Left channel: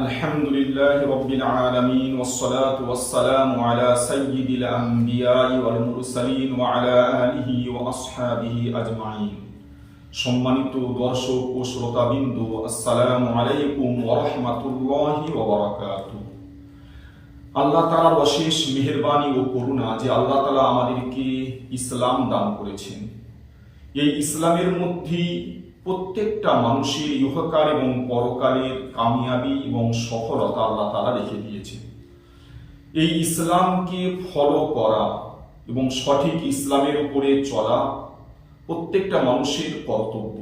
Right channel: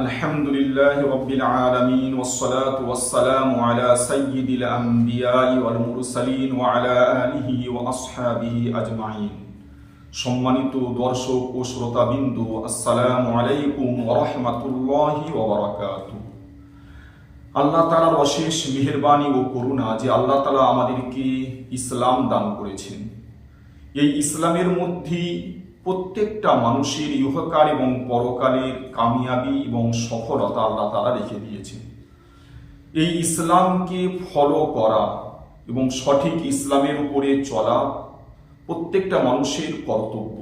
আলহামদুলিল্লাহি রাব্বিল আলামিন ওয়াসসালাতু ওয়াসসালামু আলা সাইয়্যিদিল আমবিয়াই ওয়াল মুরসালিন ওয়া আলা আলিহি ওয়া আসহাবিহি আজমাইন। সম্মানিত দর্শক ও শ্রোতাবৃন্দ, আসসালামু আলাইকুম ওয়া রাহমাতুল্লাহি ওয়া বারাকাতুহু। আল্লাহ তাআলার অশেষ মেহেরবানি ও করুণা যে আল্লাহ তাআলা আমাদেরকে ইসলাম দান করেছেন। এই ইসলামের মধ্যেই প্রত্যেকটা মানুষের ইহকাল এবং পরকালের কামিয়াবি এবং সফলতা আল্লাহ তাআলা রেখে দিয়েছেন। এই ইসলামকে ফলো করা এবং সঠিক ইসলামের উপরে চলা প্রত্যেকটা মানুষের কর্তব্য।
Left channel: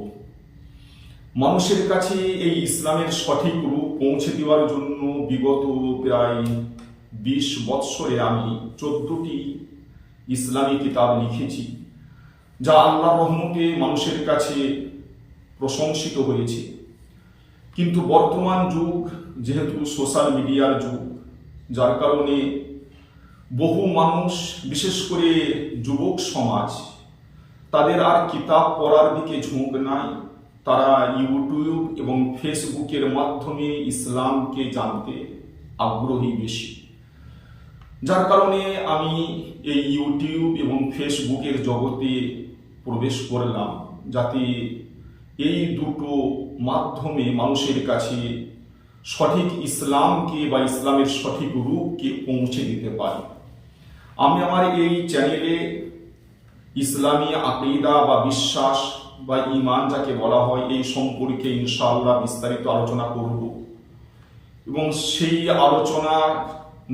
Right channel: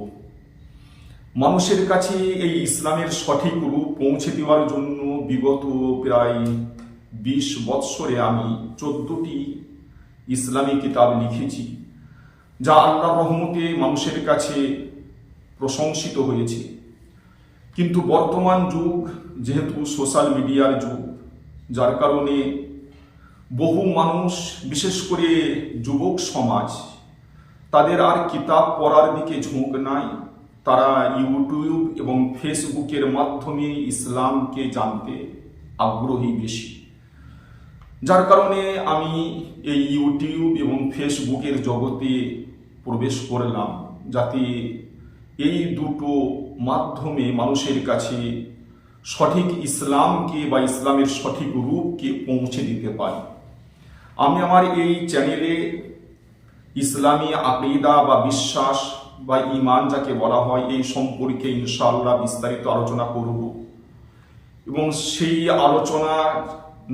মানুষের কাছে এই ইসলামের সঠিক রূপ পৌঁছে দেওয়ার জন্য বিগত প্রায় 20 বৎসরে আমি 14টি ইসলামী কিতাব লিখেছি, যা আল্লাহর রহমতে মানুষের কাছে প্রশংসিত হয়েছে। কিন্তু বর্তমান যুগ যেহেতু সোশ্যাল মিডিয়ার যুগ, যার কারণে বহু মানুষ, বিশেষ করে যুবক সমাজ, তাদের আর কিতাব পড়ার দিকে ঝোঁক নাই। তারা ইউটিউব এবং ফেসবুকের মাধ্যমে ইসলামকে জানতে আগ্রহী বেশি। যার কারণে আমি এই ইউটিউব এবং ফেসবুকের জগতে প্রবেশ করলাম, যাতে এই দুটো মাধ্যমে মানুষের কাছে সঠিক ইসলামকে বা ইসলামের সঠিক রূপকে পৌঁছে দিতে পারি। আমি আমার এই চ্যানেলে ইসলামী আকীদা বা বিশ্বাস বা ঈমান যাকে বলা হয়, এই সম্পর্কে ইনশাআল্লাহ বিস্তারিত আলোচনা করব এবং সেই আলোচনার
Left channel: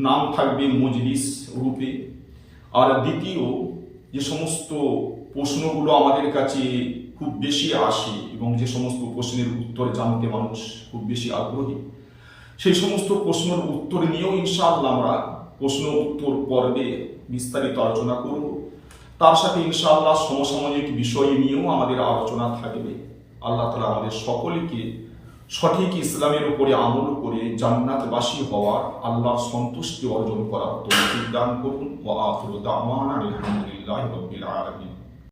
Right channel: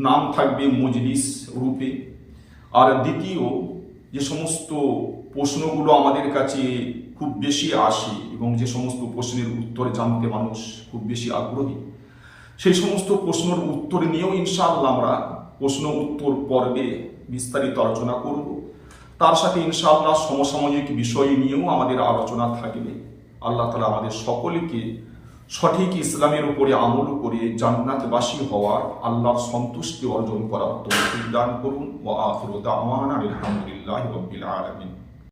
নাম থাকবে মজলিস রূপে। আর দ্বিতীয় যে সমস্ত প্রশ্নগুলো আমাদের কাছে খুব বেশি আসে এবং যে সমস্ত প্রশ্নের উত্তর জানতে মানুষ খুব বেশি আগ্রহী, সেই সমস্ত প্রশ্নের উত্তর নিয়েও ইনশাআল্লাহ আমরা প্রশ্ন উত্তর পর্বে বিস্তারিত আলোচনা করব। তার সাথে ইনশাআল্লাহ সমসাময়িক বিষয় নিয়েও আমাদের আলোচনা থাকবে। আল্লাহ তাআলা আমাদের সকলকে সঠিক ইসলামের উপরে আমল করে জান্নাতবাসী হওয়ার, আল্লাহর সন্তুষ্টি অর্জন করার তৌফিক দান করুন। ওয়া আখিরু দাওয়ানা আলহামদুলিল্লাহি রাব্বিল আলামিন।